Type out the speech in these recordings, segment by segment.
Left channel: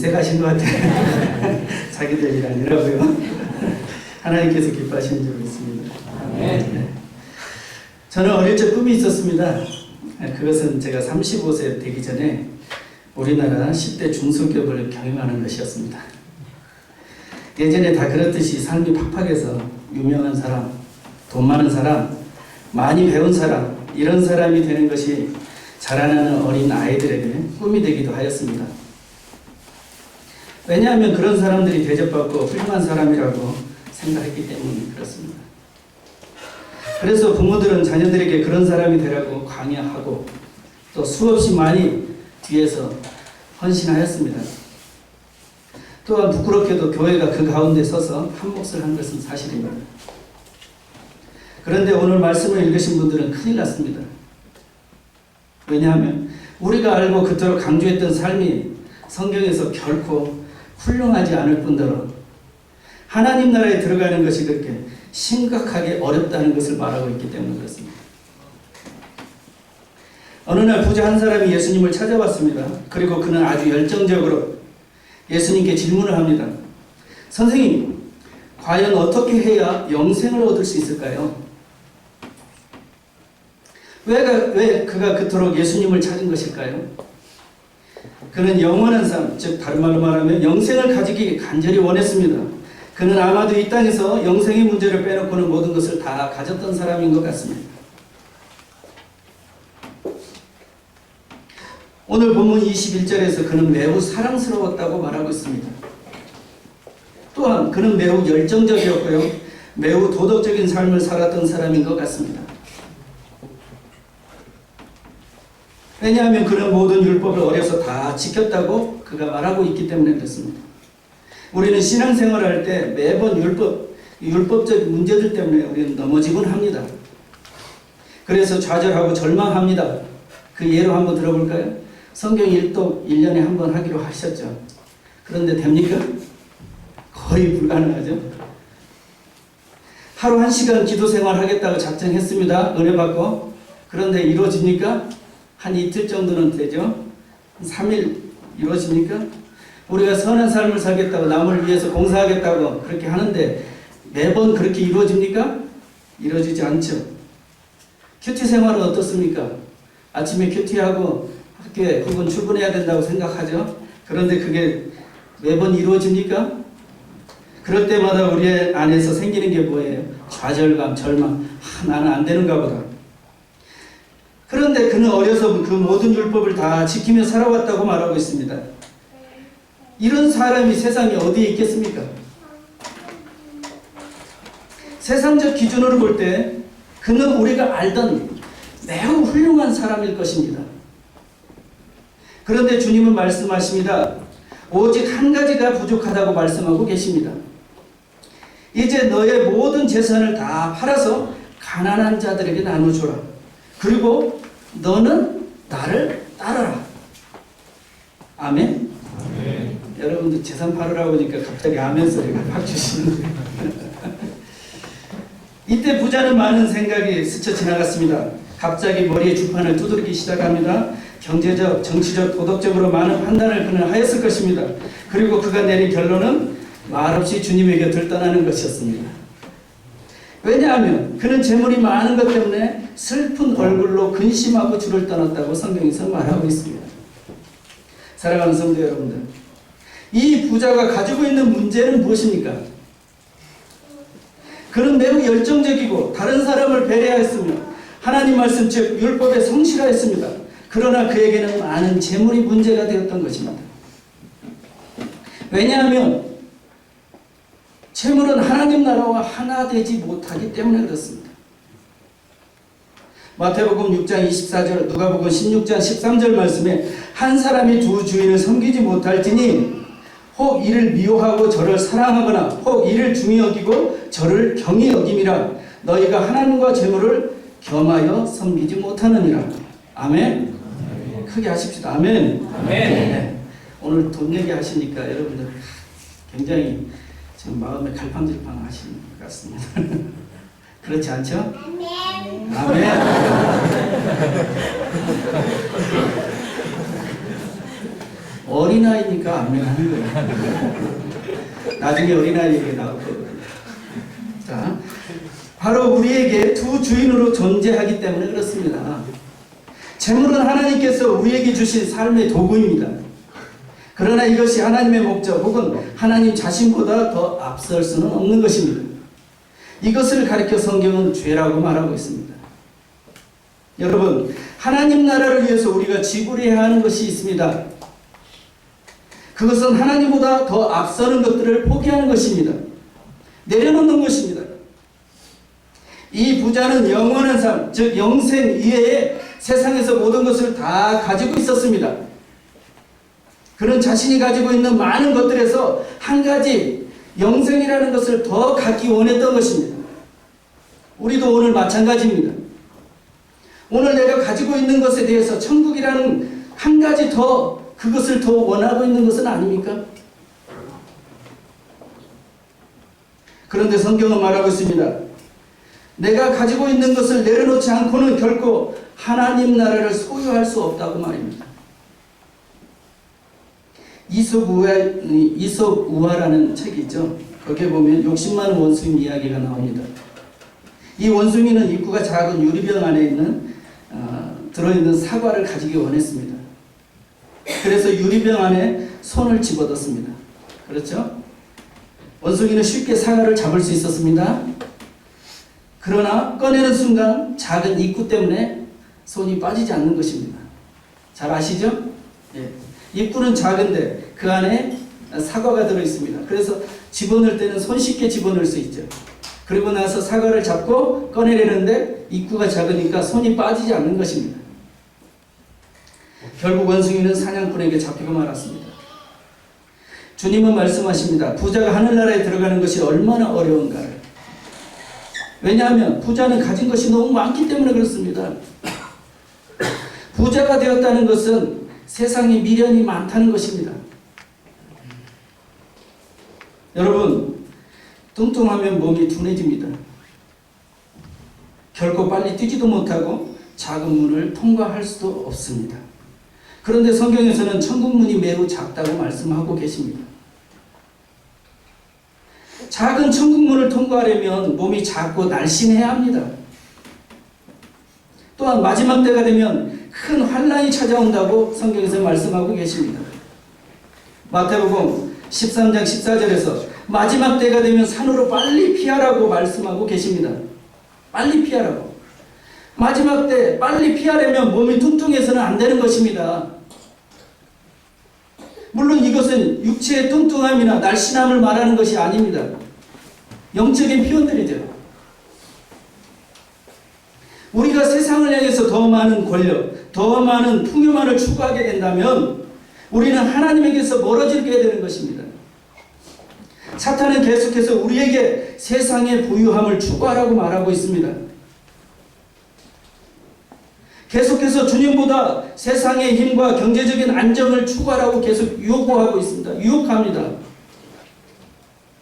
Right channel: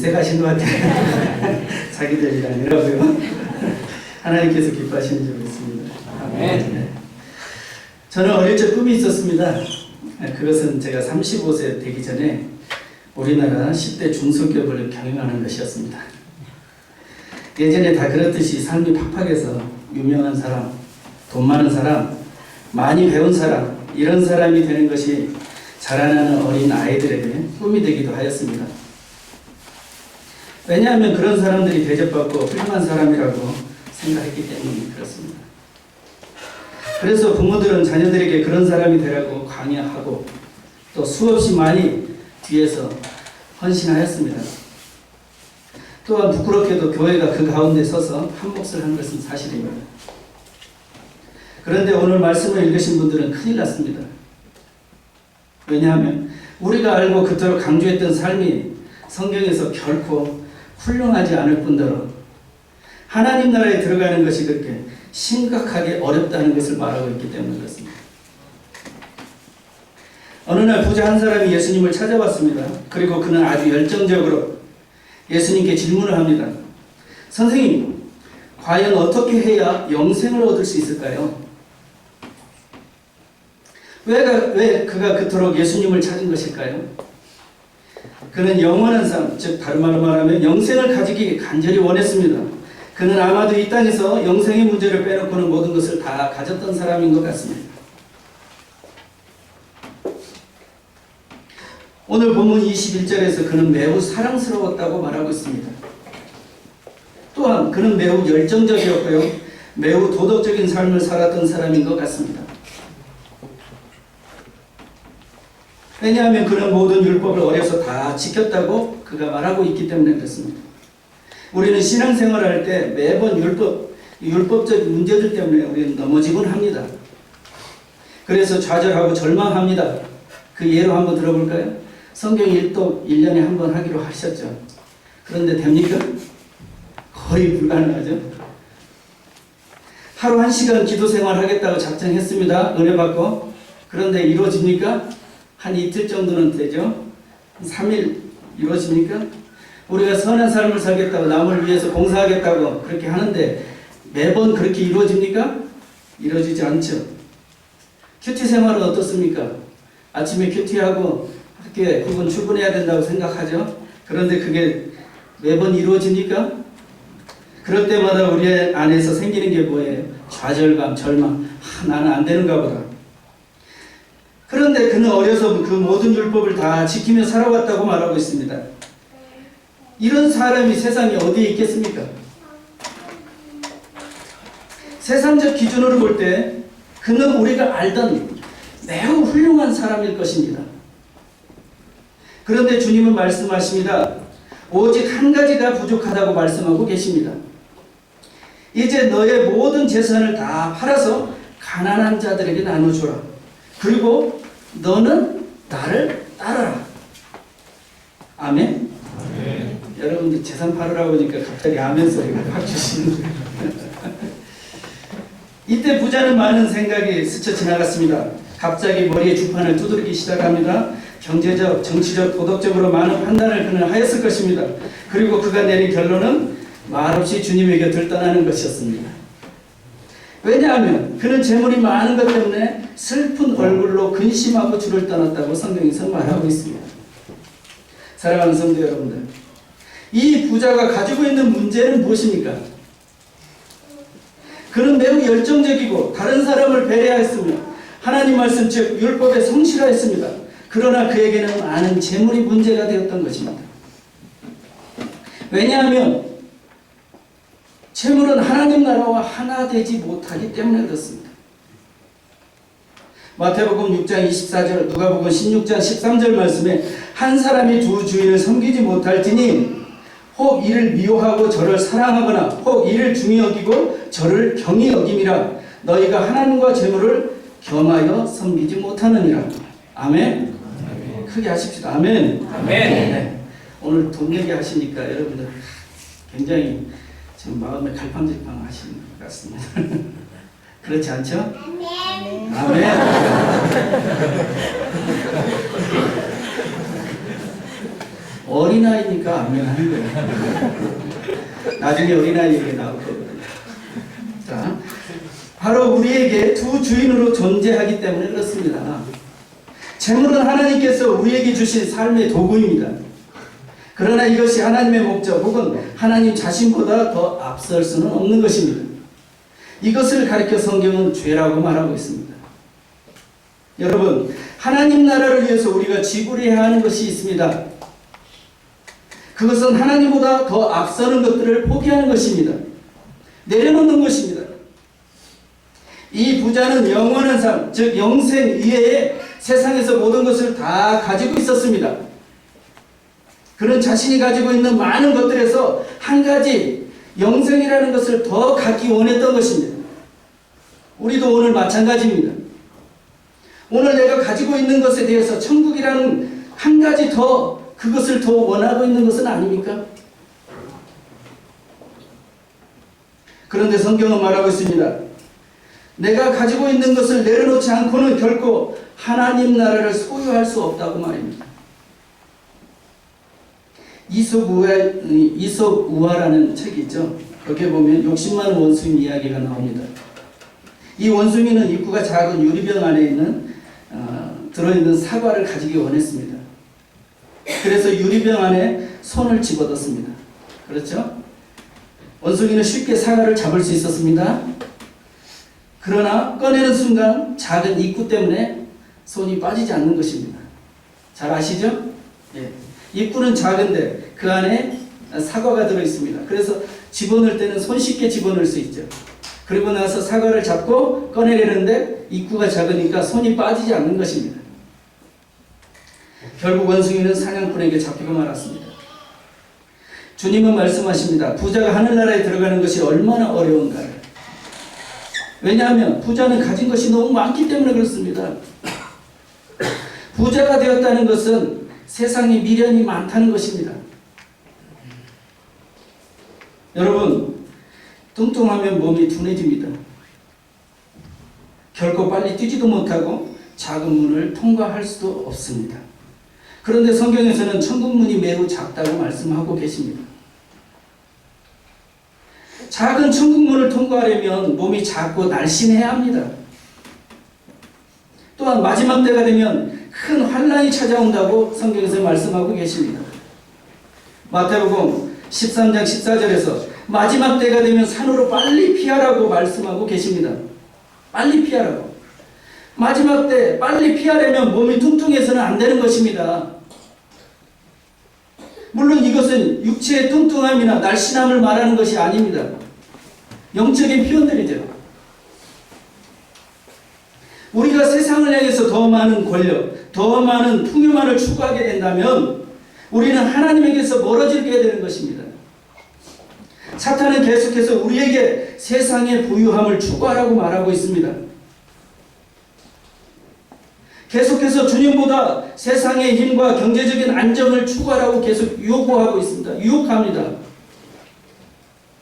인색하신 것 같아요. 자기들 일 아니라고요. 하나님께서 기뻐하시는 줄 믿습니다. 아멘. 저는 어릴 적 꿈이 있었습니다. 그것은 제가 35세 되기 전에 우리나라 10대 중소기업을 경영하는 것이었습니다. 예전에 다 그렇듯이 삶이 팍팍해서 유명한 사람, 돈 많은 사람, 많이 배운 사람, 이런 사람이 되는 것이 자라나는 어린 아이들에게 꿈이 되기도 하였습니다. 왜냐하면 그런 사람들이 대접받고 훌륭한 사람이라고 생각했기 때문에 그렇습니다. 그래서 부모들은 자녀들에게 그런 사람이 되라고 강요하고 또 수없이 많이 뒤에서 헌신하였습니다. 또한 부끄럽게도 교회가 그 가운데 서서 한 몫을 한 것은 사실입니다. 그런데 오늘 말씀을 읽으신 분들은 큰일 났습니다. 왜냐하면 우리가 알고 그토록 강조했던 삶이 성경에서 결코 훌륭하지 않을 뿐더러 하나님 나라에 들어가는 것이 그렇게 심각하게 어렵다는 것을 말하고 있기 때문에 그렇습니다. 어느 날 부자 한 사람이 예수님을 찾아왔습니다. 그리고 그는 아주 열정적으로 예수님께 질문을 합니다. 선생님, 과연 어떻게 해야 영생을 얻을 수 있을까요? 왜 그가 그토록 예수님을 찾은 것일까요? 그는 영원한 삶, 즉 다른 말로 말하면 영생을 가지기 간절히 원했습니다. 그는 아마도 이 땅에서 영생의 문제를 빼놓고는 모든 것을 다 가졌던 사람인 것 같습니다. 오늘 본문 21절에서 그는 매우 사랑스러웠다고 말하고 있습니다. 또한 그는 매우 열정적이었고요. 매우 도덕적인 삶을 살았던 사람인 것 같습니다. 왜냐하면 그는 모든 율법을 어려서 다 지켰다고 그가 말하고 있기 때문에 그렇습니다. 우리는 신앙생활을 할 때 매번 율법적인 문제들 때문에 우리는 넘어지곤 합니다. 그래서 좌절하고 절망합니다. 그 예로 한번 들어볼까요? 성경 일독 1년에 한 번 하기로 하셨죠. 그런데 됩니까? 거의 불가능하죠. 하루 1시간 기도 생활 하겠다고 작정했습니다. 은혜 받고. 그런데 이루어집니까? 한 이틀 정도는 되죠. 3일 이루어집니까? 우리가 선한 삶을 살겠다고 남을 위해서 봉사하겠다고 그렇게 하는데 매번 그렇게 이루어집니까? 이루어지지 않죠. 큐티 생활은 어떻습니까? 아침에 큐티하고 학교에 그분 출근해야 된다고 생각하죠. 그런데 그게 매번 이루어집니까? 그럴 때마다 우리 안에서 생기는 게 뭐예요? 좌절감, 절망. 나는 안 되는가 보다. 그런데 그는 어려서 그 모든 율법을 다 지키며 살아왔다고 말하고 있습니다. 이런 사람이 세상에 어디에 있겠습니까? 세상적 기준으로 볼 때 그는 우리가 알던 매우 훌륭한 사람일 것입니다. 그런데 주님은 말씀하십니다. 오직 한 가지가 부족하다고 말씀하고 계십니다. 이제 너의 모든 재산을 다 팔아서 가난한 자들에게 나눠주라. 그리고 너는 나를 따르라. 아멘? 아멘. 여러분들 재산 팔으라고 하니까 갑자기 아멘 소리가 확 주시는데 이때 부자는 많은 생각이 스쳐 지나갔습니다. 갑자기 머리에 주판을 두드리기 시작합니다. 경제적, 정치적, 도덕적으로 많은 판단을 그는 하였을 것입니다. 그리고 그가 내린 결론은 말없이 주님의 곁을 떠나는 것이었습니다. 왜냐하면 그는 재물이 많은 것 때문에 슬픈 얼굴로 근심하고 주를 떠났다고 성경에서 말하고 있습니다. 사랑하는 성도 여러분들, 이 부자가 가지고 있는 문제는 무엇입니까? 그는 매우 열정적이고 다른 사람을 배려했으며 하나님 말씀 즉 율법에 성실하였습니다. 그러나 그에게는 많은 재물이 문제가 되었던 것입니다. 왜냐하면 재물은 하나님 나라와 하나 되지 못하기 때문에 그렇습니다. 마태복음 6장 24절, 누가복음 16장 13절 말씀에 한 사람이 두 주인을 섬기지 못할지니 혹 이를 미워하고 저를 사랑하거나 혹 이를 중히 여기고 저를 경히 여김이라. 너희가 하나님과 재물을 겸하여 섬기지 못하느니라. 아멘. 아멘. 크게 하십시다. 아멘. 아멘. 네. 오늘 돈 얘기 하시니까 여러분들 굉장히 지금 마음에 갈팡질팡 하시는 것 같습니다. 그렇지 않죠? 아멘. 아멘. 어린아이니까 아멘 하는 거예요. 나중에 어린아이 얘기 나올 거거든요. 자, 바로 우리에게 두 주인으로 존재하기 때문에 그렇습니다. 재물은 하나님께서 우리에게 주신 삶의 도구입니다. 그러나 이것이 하나님의 목적 혹은 하나님 자신보다 더 앞설 수는 없는 것입니다. 이것을 가리켜 성경은 죄라고 말하고 있습니다. 여러분, 하나님 나라를 위해서 우리가 지불해야 하는 것이 있습니다. 그것은 하나님보다 더 앞서는 것들을 포기하는 것입니다. 내려놓는 것입니다. 이 부자는 영원한 삶, 즉 영생 이외에 세상에서 모든 것을 다 가지고 있었습니다. 그는 자신이 가지고 있는 많은 것들에서 한 가지 영생이라는 것을 더 갖기 원했던 것입니다. 우리도 오늘 마찬가지입니다. 오늘 내가 가지고 있는 것에 대해서 천국이라는 한 가지 더 그것을 더 원하고 있는 것은 아닙니까? 그런데 성경은 말하고 있습니다. 내가 가지고 있는 것을 내려놓지 않고는 결코 하나님 나라를 소유할 수 없다고 말입니다. 이솝 우화라는 책이 있죠. 거기에 보면 욕심 많은 원숭이 이야기가 나옵니다. 이 원숭이는 입구가 작은 유리병 안에 있는 들어있는 사과를 가지기 원했습니다. 그래서 유리병 안에 손을 집어넣습니다. 그렇죠? 원숭이는 쉽게 사과를 잡을 수 있었습니다. 그러나 꺼내는 순간 작은 입구 때문에 손이 빠지지 않는 것입니다. 잘 아시죠? 예. 입구는 작은데 그 안에 사과가 들어있습니다. 그래서 집어넣을 때는 손쉽게 집어넣을 수 있죠. 그리고 나서 사과를 잡고 꺼내려는데 입구가 작으니까 손이 빠지지 않는 것입니다. 결국 원숭이는 사냥꾼에게 잡히고 말았습니다. 주님은 말씀하십니다. 부자가 하늘나라에 들어가는 것이 얼마나 어려운가를. 왜냐하면 부자는 가진 것이 너무 많기 때문에 그렇습니다. 부자가 되었다는 것은 세상에 미련이 많다는 것입니다. 여러분, 뚱뚱하면 몸이 둔해집니다. 결코 빨리 뛰지도 못하고 작은 문을 통과할 수도 없습니다. 그런데 성경에서는 천국 문이 매우 작다고 말씀하고 계십니다. 작은 천국 문을 통과하려면 몸이 작고 날씬해야 합니다. 또한 마지막 때가 되면 큰 환란이 찾아온다고 성경에서 말씀하고 계십니다. 마태복음 13장 14절에서 마지막 때가 되면 산으로 빨리 피하라고 말씀하고 계십니다. 빨리 피하라고. 마지막 때 빨리 피하려면 몸이 뚱뚱해서는 안 되는 것입니다. 물론 이것은 육체의 뚱뚱함이나 날씬함을 말하는 것이 아닙니다. 영적인 표현들이죠. 우리가 세상을 향해서 더 많은 권력, 더 많은 풍요만을 추구하게 된다면 우리는 하나님에게서 멀어지게 되는 것입니다. 사탄은 계속해서 우리에게 세상의 부유함을 추구하라고 말하고 있습니다. 계속해서 주님보다 세상의 힘과 경제적인 안정을 추구하라고 계속 요구하고 있습니다. 유혹합니다.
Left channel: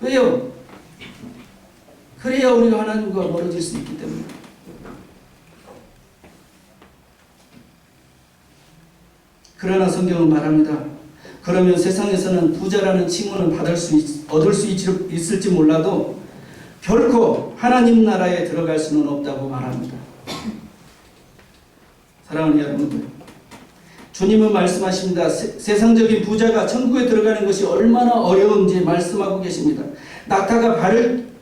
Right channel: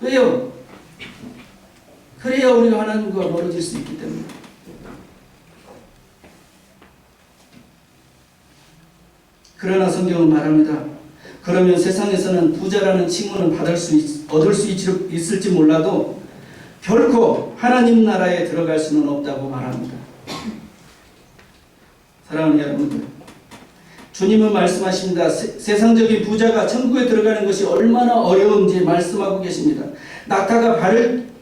왜요? 그래야 우리가 하나님과 멀어질 수 있기 때문에. 그러나 성경은 말합니다. 그러면 세상에서는 부자라는 칭호는 얻을 수 있을지 몰라도 결코 하나님 나라에 들어갈 수는 없다고 말합니다. 사랑하는 여러분들, 주님은 말씀하십니다. 세상적인 부자가 천국에 들어가는 것이 얼마나 어려운지 말씀하고 계십니다. 낙타가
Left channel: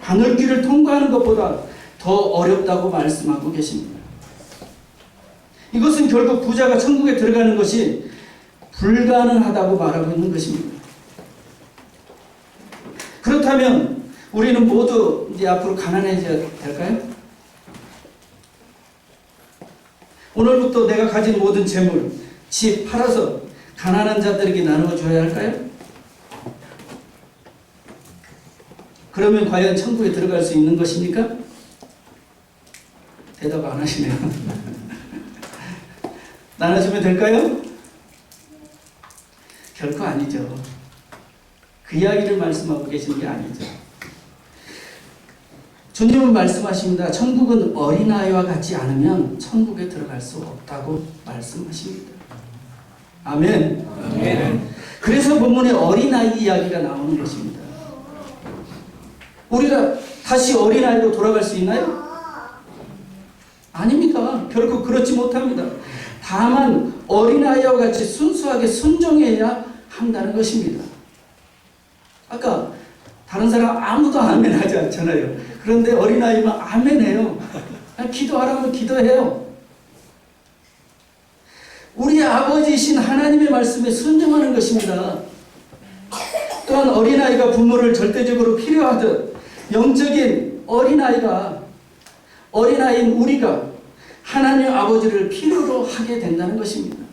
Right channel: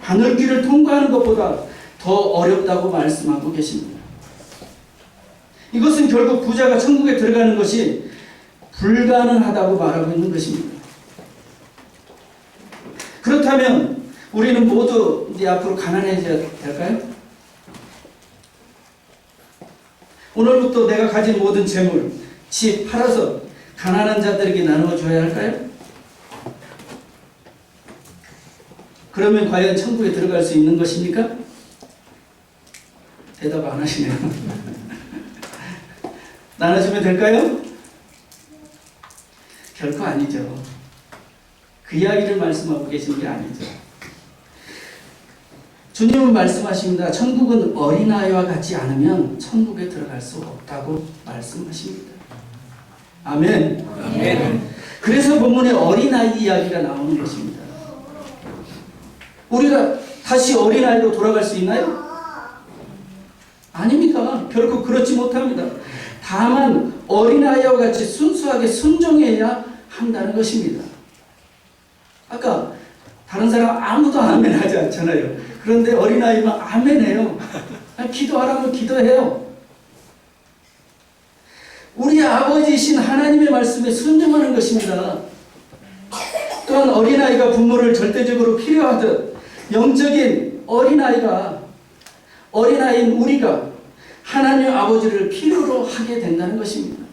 바늘길을 통과하는 것보다 더 어렵다고 말씀하고 계십니다. 이것은 결국 부자가 천국에 들어가는 것이 불가능하다고 말하고 있는 것입니다. 그렇다면 우리는 모두 이제 앞으로 가난해져야 될까요? 오늘부터 내가 가진 모든 재물, 집 팔아서 가난한 자들에게 나누어 줘야 할까요? 그러면 과연 천국에 들어갈 수 있는 것입니까? 대답 안 하시네요. 나눠주면 될까요? 결코 아니죠. 그 이야기를 말씀하고 계신 게 아니죠. 주님은 말씀하십니다. 천국은 어린아이와 같지 않으면 천국에 들어갈 수 없다고 말씀하십니다. 아멘. 아멘. 그래서 본문에 어린아이 이야기가 나오는 것입니다. 우리가 다시 어린아이로 돌아갈 수 있나요? 아닙니다. 결코 그렇지 못합니다. 다만 어린아이와 같이 순수하게 순종해야 한다는 것입니다. 아까 다른 사람 아무도 아멘 하지 않잖아요. 그런데 어린아이만 아멘해요. 기도하라면 기도해요. 우리 아버지이신 하나님의 말씀에 순종하는 것입니다. 또한 어린아이가 부모를 절대적으로 필요하듯 영적인 어린아이인 우리가 하나님 아버지를 필요로 하게 된다는 것입니다.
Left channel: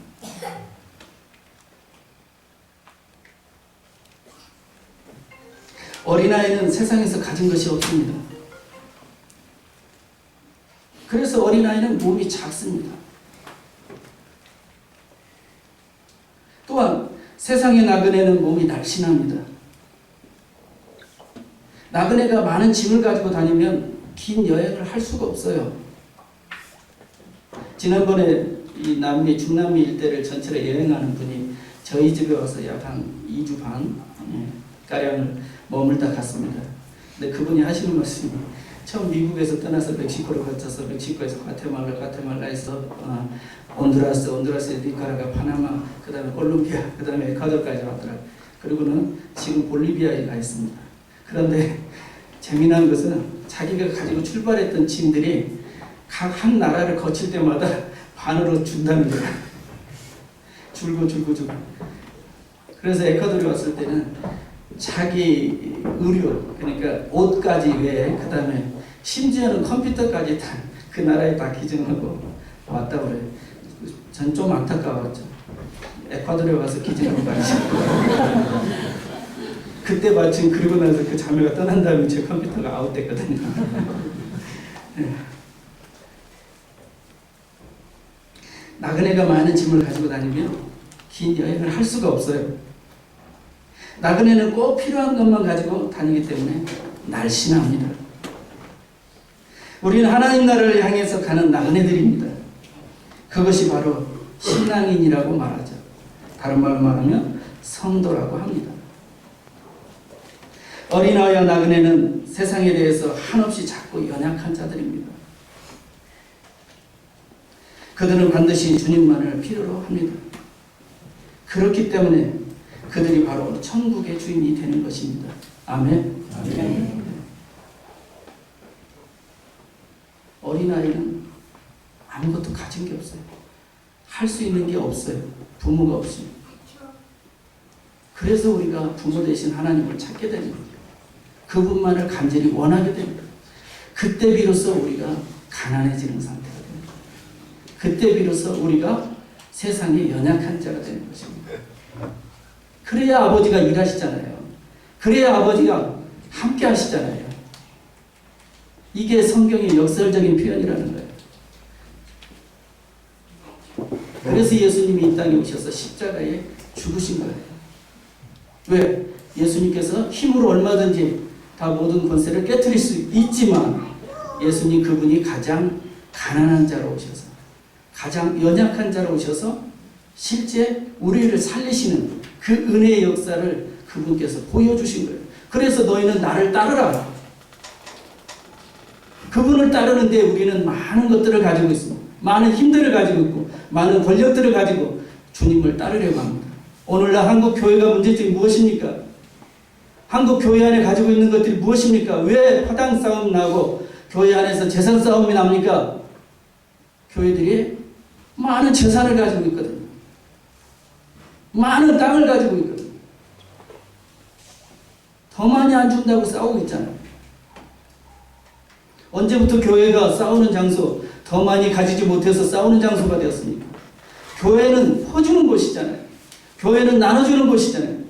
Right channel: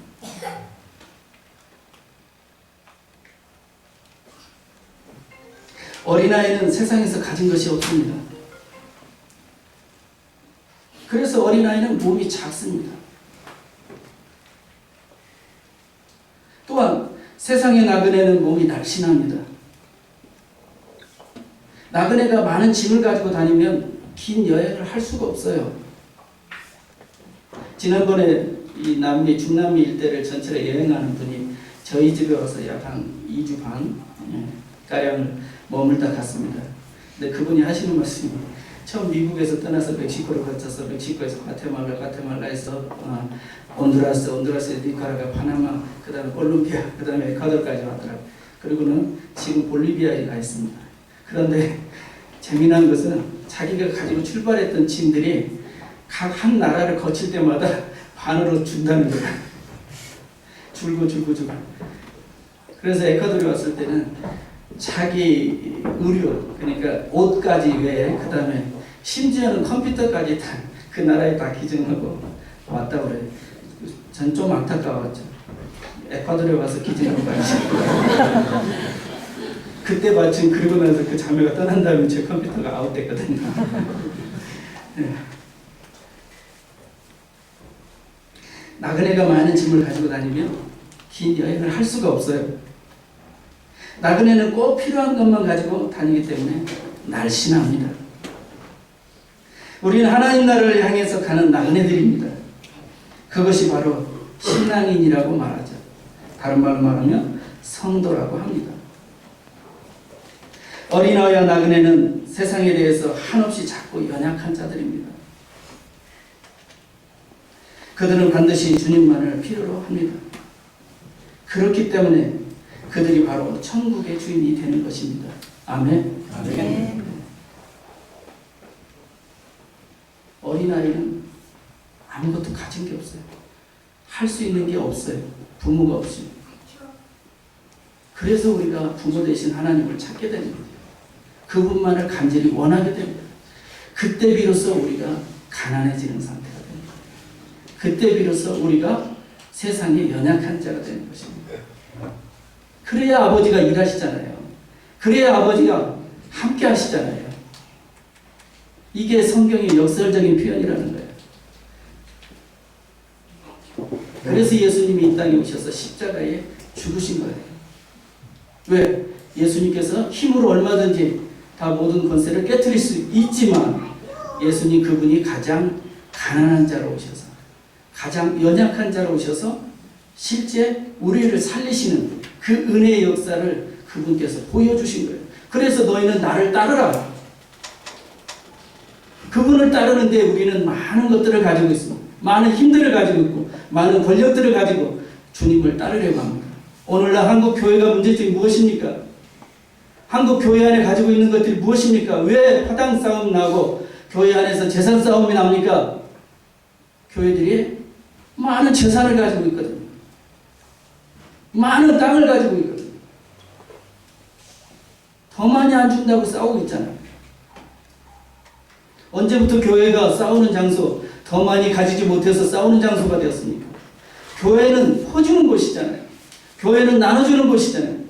어린아이는 세상에서 가진 것이 없습니다. 그래서 어린아이는 몸이 작습니다. 또한 세상의 나그네는 몸이 날씬합니다. 나그네가 많은 짐을 가지고 다니면 긴 여행을 할 수가 없어요. 지난번에 이 중남미 일대를 전체를 여행하는 분이 저희 집에 와서 약 한 2주 반 가량을 머물다 갔습니다. 근데 그분이 하시는 말씀이 처음 미국에서 떠나서 멕시코를 거쳐서 멕시코에서 과테말라에서 온두라스, 니카라과, 파나마, 그 다음에 콜롬비아, 그 다음에 에콰도르까지 왔더라고요. 그리고는 지금 볼리비아에 가 있습니다. 그런데 재미난 것은 자기가 가지고 출발했던 짐들이 각 한 나라를 거칠 때마다 반으로 준다는 거예요. 줄고. 그래서 에콰도르에 왔을 때는 자기 의류, 그러니까 옷까지 외에 그 다음에 심지어는 컴퓨터까지 다 그 나라에 다 기증하고 왔다고 그래요. 전 좀 안타까웠죠. 에콰도르에 와서 기증하고 가야지. 그때 마침 그러고 나서 그 자매가 떠난 다음에 제 컴퓨터가 아웃됐거든요. 네. 나그네가 많은 짐을 가지고 다니면 긴 여행을 할 수가 없어요. 나그네는 꼭 필요한 것만 가지고 다니기 때문에 날씬합니다. 우리는 하나님 나라를 향해서 가는 나그네들입니다. 그것이 바로 신앙인이라고 말하죠. 다른 말로 말하면 성도라고 합니다. 어린아이와 나그네는 세상에 대해서 한없이 작고 연약한 자들입니다. 그들은 반드시 주님만을 필요로 합니다. 그렇기 때문에 그들이 바로 천국의 주인이 되는 것입니다. 아멘. 아멘. 어린아이는 아무것도 가진 게 없어요. 할 수 있는 게 없어요. 부모가 없어요. 그래서 우리가 부모 되신 하나님을 찾게 됩니다. 그분만을 간절히 원하게 됩니다. 그때 비로소 우리가 가난해지는 상태가 됩니다. 그때 비로소 우리가 세상에 연약한 자가 되는 것입니다. 그래야 아버지가 일하시잖아요. 그래야 아버지가 함께 하시잖아요. 이게 성경의 역설적인 표현이라는 거예요. 그래서 예수님이 이 땅에 오셔서 십자가에 죽으신 거예요. 왜? 예수님께서 힘으로 얼마든지 다 모든 권세를 깨트릴 수 있지만 예수님 그분이 가장 가난한 자로 오셔서 가장 연약한 자로 오셔서 실제 우리를 살리시는 그 은혜의 역사를 그분께서 보여주신 거예요. 그래서 너희는 나를 따르라. 그분을 따르는데 우리는 많은 것들을 가지고 있습니다. 많은 힘들을 가지고 있고 많은 권력들을 가지고 주님을 따르려고 합니다. 오늘날 한국 교회가 문제점이 무엇입니까? 한국 교회 안에 가지고 있는 것들이 무엇입니까? 왜 화당 싸움 나고 교회 안에서 재산 싸움이 납니까? 교회들이 많은 재산을 가지고 있거든요. 많은 땅을 가지고 있거든요. 더 많이 안 준다고 싸우고 있잖아요. 언제부터 교회가 싸우는 장소, 더 많이 가지지 못해서 싸우는 장소가 되었습니까? 교회는 퍼주는 곳이잖아요. 교회는 나눠주는 곳이잖아요.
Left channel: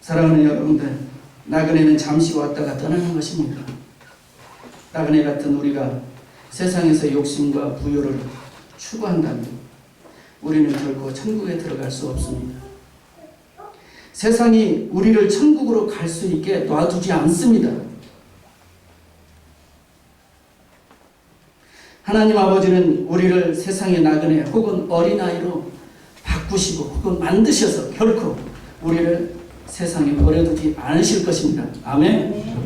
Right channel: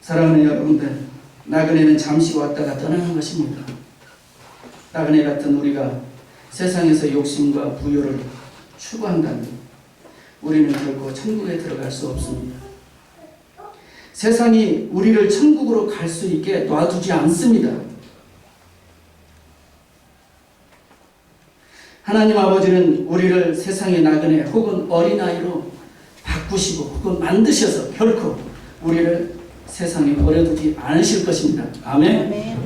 사랑하는 여러분들, 나그네는 잠시 왔다가 떠나는 것입니다. 나그네 같은 우리가 세상에서 욕심과 부요를 추구한다면 우리는 결코 천국에 들어갈 수 없습니다. 세상이 우리를 천국으로 갈 수 있게 놔두지 않습니다. 하나님 아버지는 우리를 세상의 나그네 혹은 어린아이로 바꾸시고 혹은 만드셔서 결코 우리를 세상에 버려두지 않으실 것입니다. 아멘.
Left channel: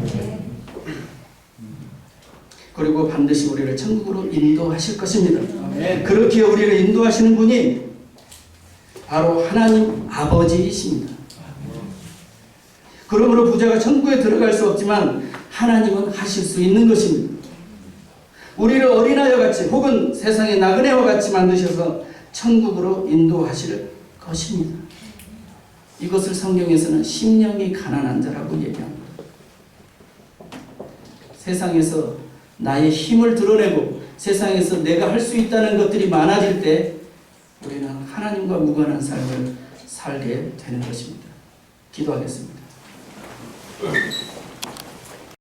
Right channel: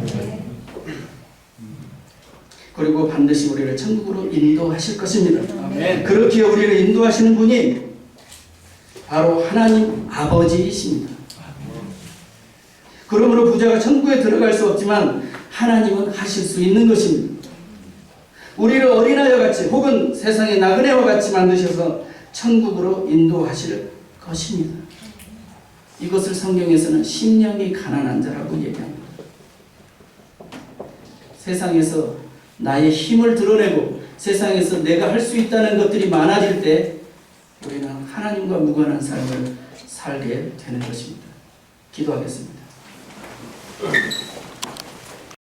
그리고 반드시 우리를 천국으로 인도하실 것입니다. 아멘. 그렇게 우리를 인도하시는 분이 바로 하나님 아버지이십니다. 그러므로 부자가 천국에 들어갈 수 없지만 하나님은 하실 수 있는 것입니다. 우리를 어린아이와 같이 혹은 세상의 나그네와 같이 만드셔서 천국으로 인도하실 것입니다. 이것을 성경에서는 심령이 가난한 자라고 얘기합니다. 세상에서 나의 힘을 드러내고 세상에서 내가 할 수 있다는 것들이 많아질 때 우리는 하나님과 무관한 삶을 살게 되는 것입니다. 기도하겠습니다.